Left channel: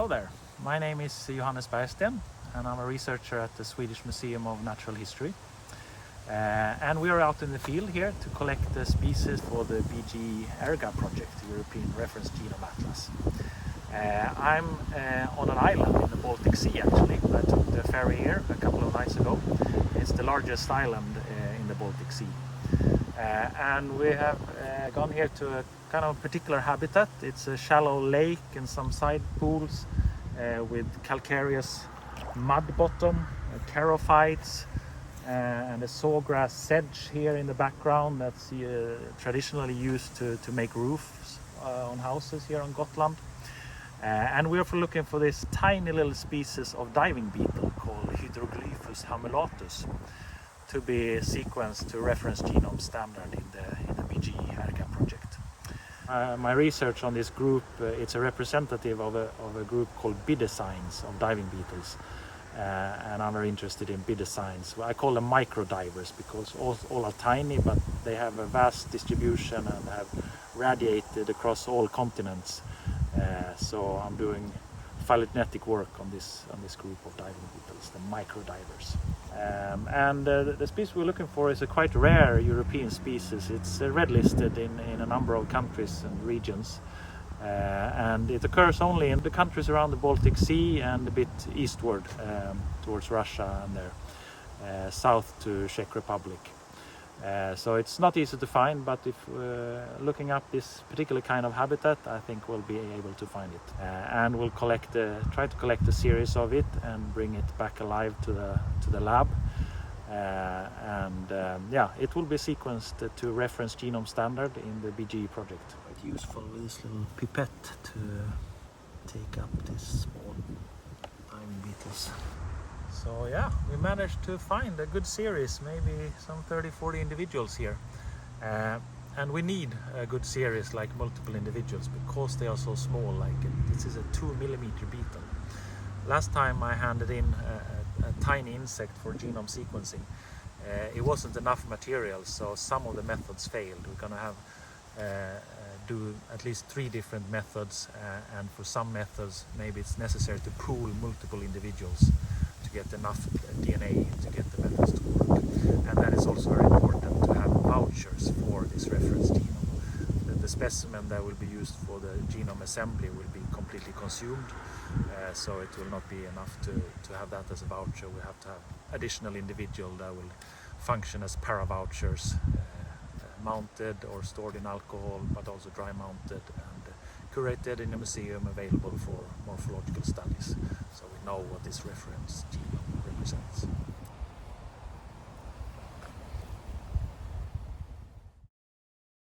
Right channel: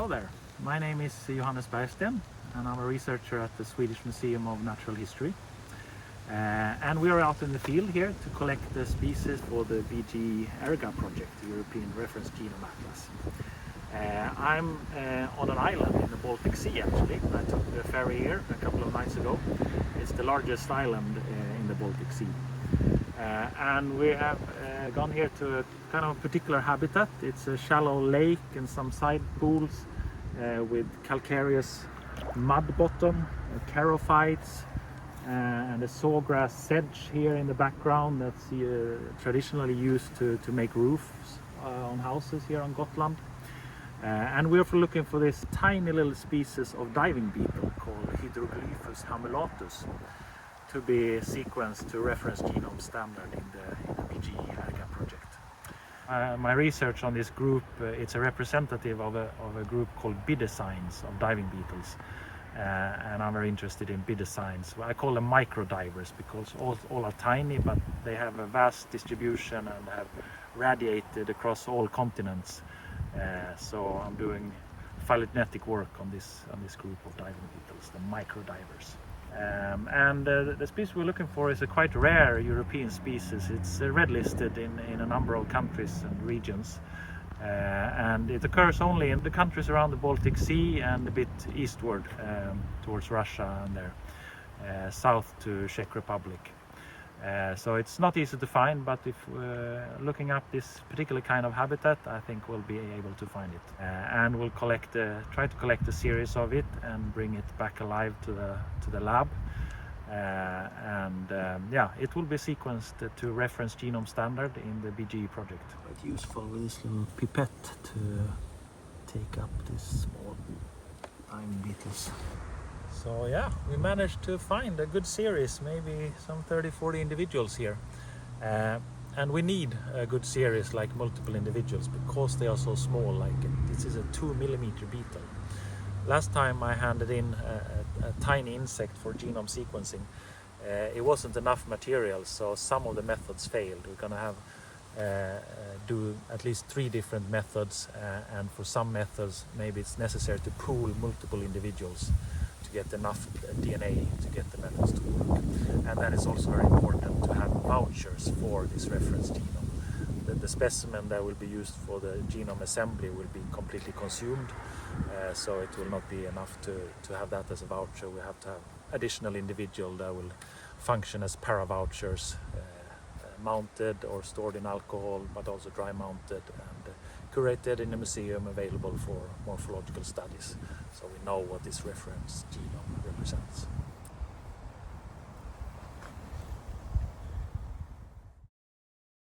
Hello there, my name is Johannes and I'm a researcher at the Swedish Museum of Natural History. And we are out in the field here to collect the species for the BG ERGA project, the European Reference Genome Atlas. I'm on an island in the Baltic Sea actually. I took the ferry here a couple of nights ago. It's the largest island in the Baltic Sea. And we have gone here to a kind of particular habitat. It's a shallow lake and some side pools with calcareous mud bottom, charophytes, and a sawgrass sedge here in the background that's traditionally used to make roofs on houses here on Gotland. And we're looking for this tiny little species of diving beetle called Hidroglyphus Hamulatus to be sequenced to reference genome standard in the BG ERGA project. My research on this group, it's a representative of a group called biodiversity of diving beetles. And I'm very interested in biodiversity. I call them micro divers because all are tiny, but they have a vast distribution and have radiated across all continents. So I'm doing phylogenetic work on this group of diving beetles, the micro divers. And the species we're looking for is a quite rare European species. It's red listed in a number of countries and regions. And it occurs only in the countries around the Baltic Sea and a bit eastward towards Russia and there, south to Czech Republic. So it's not easy to find, but if looking up this particular kind of habitat, I think we'll be able to find it. And we'll try to collect a series of it and bring it back alive to the lab. It will be sequenced to reference genome standard in the BG project. Quite useful with this little pipette to take up these small diving beetles. So yeah, we managed to find a good series, maybe some 30-40 individuals here. And we need a good series like multiple individuals because they are so small. This is a 2 millimeter beetle. Last time I handed in a tiny insect for genome sequencing, it wasn't enough material, so some of the methods failed. We're going to have do at least 3 different methods, and for some methods maybe it's necessary to pool multiple individuals to get enough DNA to get the methods to work. And then it's also very important to have vouchers for this reference genome. The specimen that will be used for the genome assembly will be completely consumed, so it will not be enough to have that as a voucher. We have to have additional individual that will function as para-vouchers, mounted or stored in alcohol, but also dry mounted and curated in a museum available for morphological studies, so we know what this reference genome represents.